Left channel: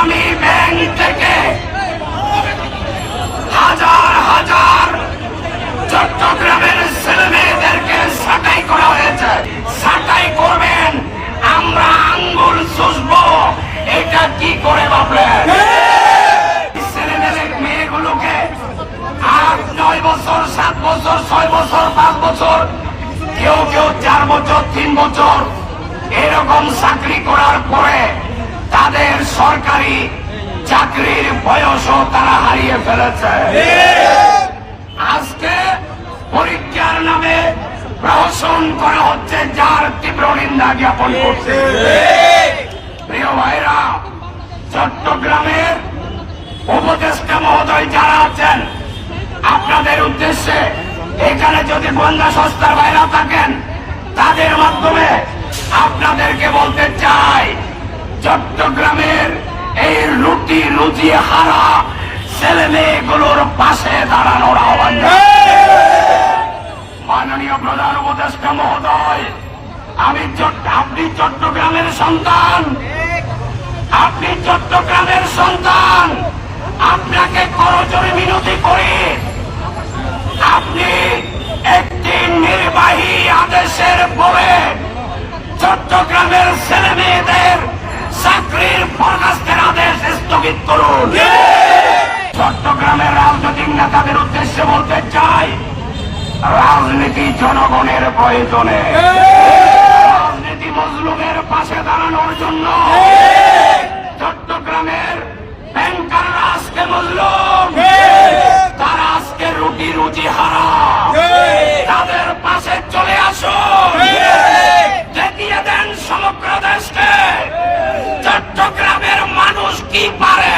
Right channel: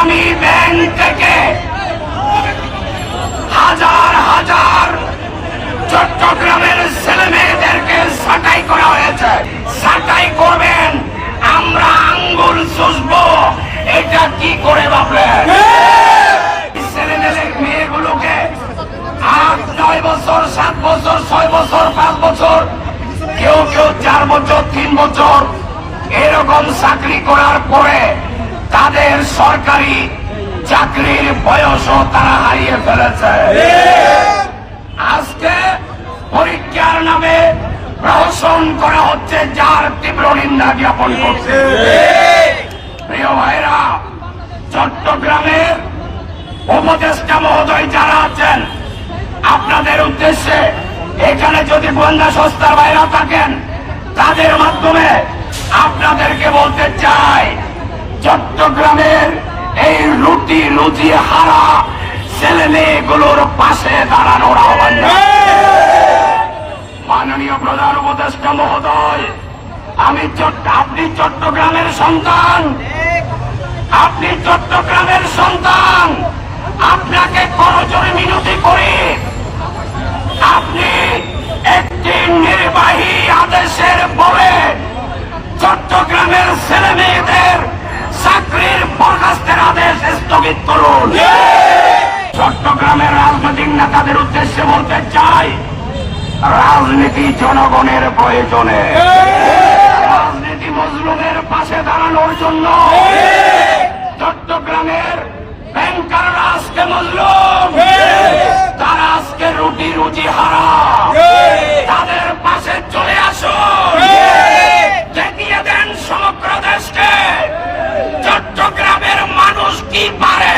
ইসলামী bank থেকে হাজার হাজার চট্টগ্রামের ছেলে মেয়েদেরকে ছাঁটাই করা হয়েছে। ছাঁটাই করবেন, আমরা আঙ্গুল চুষবো। এটা কি করে ভাবলেন ছেলে মেয়ে- মেয়েগুলোকে আট, নয় বছর, সাত বছর, ছয় বছর, পাঁচ বছর, কেউ কেউ চার বছর, তিন বছর এরকম চাকরি করার পরে তাদের সরকারি চাকরির বয়সও তারা হারিয়ে ফেলেছে। আজকে পরীক্ষার নামে প্রহসন করা হচ্ছে, যার তীব্র নিন্দা জ্ঞাপন করছে। প্রিয় ভাইরা চট্টগ্রামের উপদেষ্টা মহোদয় যারা আছেন, আপনাদের উদ্দেশ্যে এখানে যদি গোয়েন্দা সংস্থার বাইরে থাকেন, তাদের মাধ্যমে আপনাদেরকে বলতে চাই। চট্টগ্রামের এই রুটি রুজি হারা ছেলে মেয়েগুলোর পাশে দাঁড়ানোর আহ্বান মাননীয় প্রধান উপদেষ্টা মহোদয়, আমি আপনি চট্টগ্রামের সন্তান। আপনি চট্টগ্রামের সন্তান। আপনাকে করজোরে মিনতি করি। আপনি একটি নির্বাহী আদেশের পরে চট্টগ্রামের ছেলে মেয়েদের চাকরির বরখাস্তের আদেশ স্থগিত করুন। চট্টগ্রামের রাজনৈতিক নেতাদের উদ্দেশ্যে বলতে চাই রাজনীতি জনগণের প্রয়োজনে। রাজনীতি মজলুমের পাশে দাঁড়ানোর জন্য। চট্টগ্রামের ব্যাংকাররা আজকে মজলুম। তারা আজকে রুটি রুটি হারা তাদের পাশে চলে আসো কি পারে?